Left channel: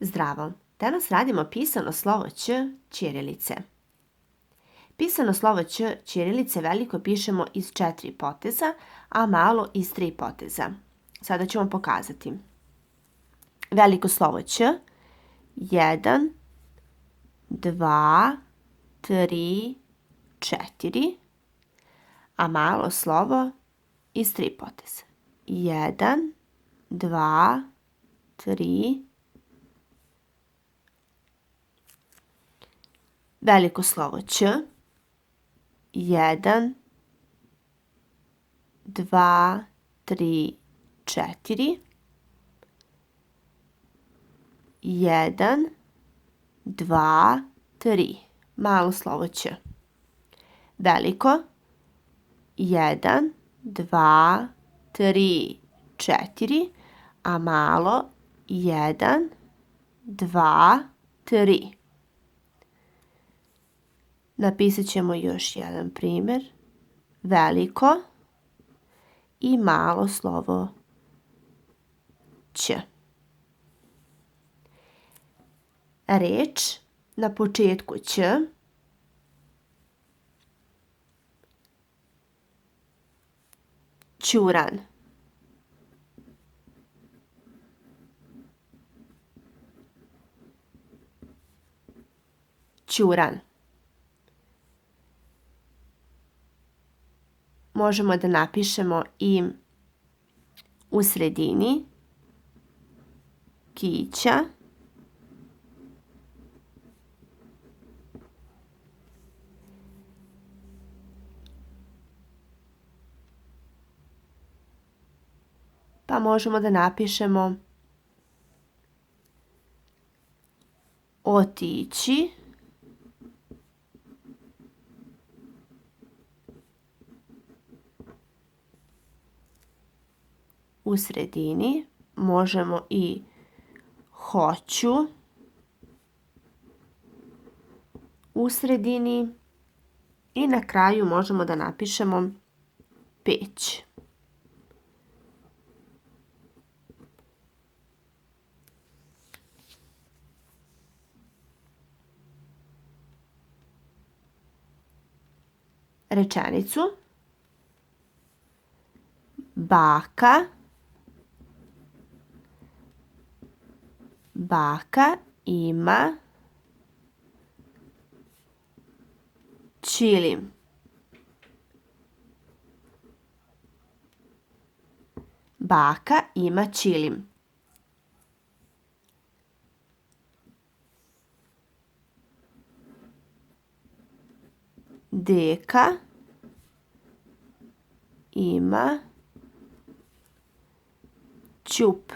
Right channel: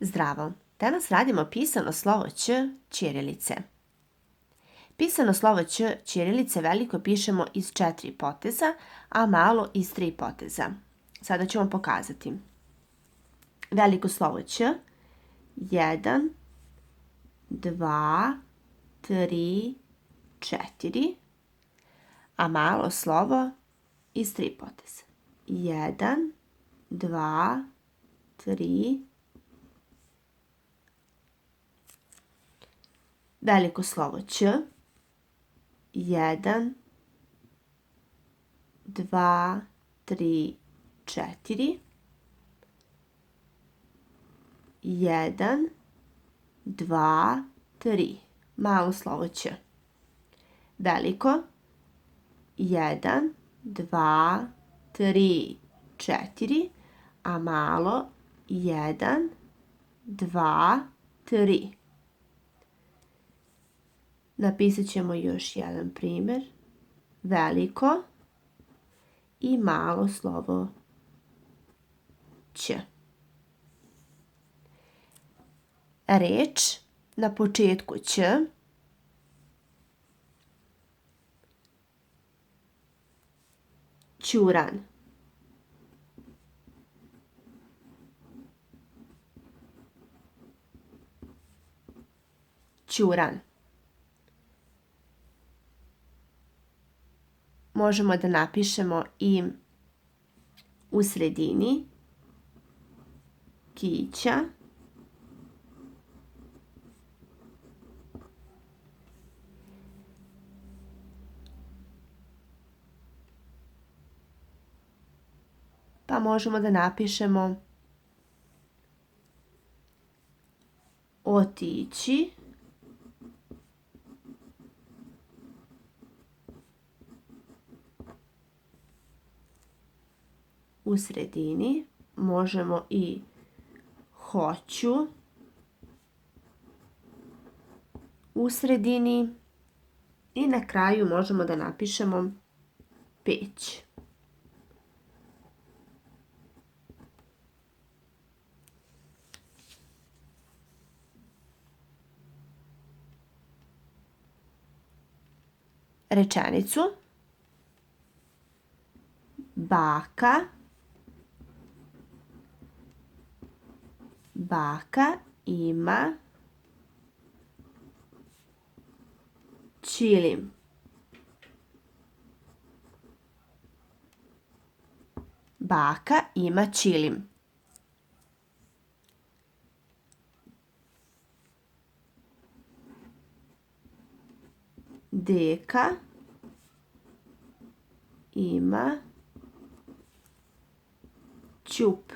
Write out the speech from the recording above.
Zdravo! Danas radimo pisano slovo Ć ćirilice. Pisano slovo Ć ćirilice veliko pišemo iz 4 poteza, a malo iz 3 poteza. Sada ću vam pokazati. Veliko slovo Ć, 1, 2, 3, 4, a malo slovo iz 3 poteza. 1, 2, 3, veliko slovo Ć, 1, 2, 3, 4, 1, 2, 3, malo slovo Ć. Veliko, 1, 2, 3, 4, a malo 1, 2, 3. Napisat ćemo još jedan primjer. Veliko i malo slovo Ć. Reč na početku Ć ćuran. Ćuran. Možemo da napišemo i u sredini kića, pa možemo da napišemo otići, u sredini možemo i hoću, u sredini i na kraju možemo da napišemo peć. Rečenicu. Baka ima ćilim. Baka ima ćilim. Deka ima ćup.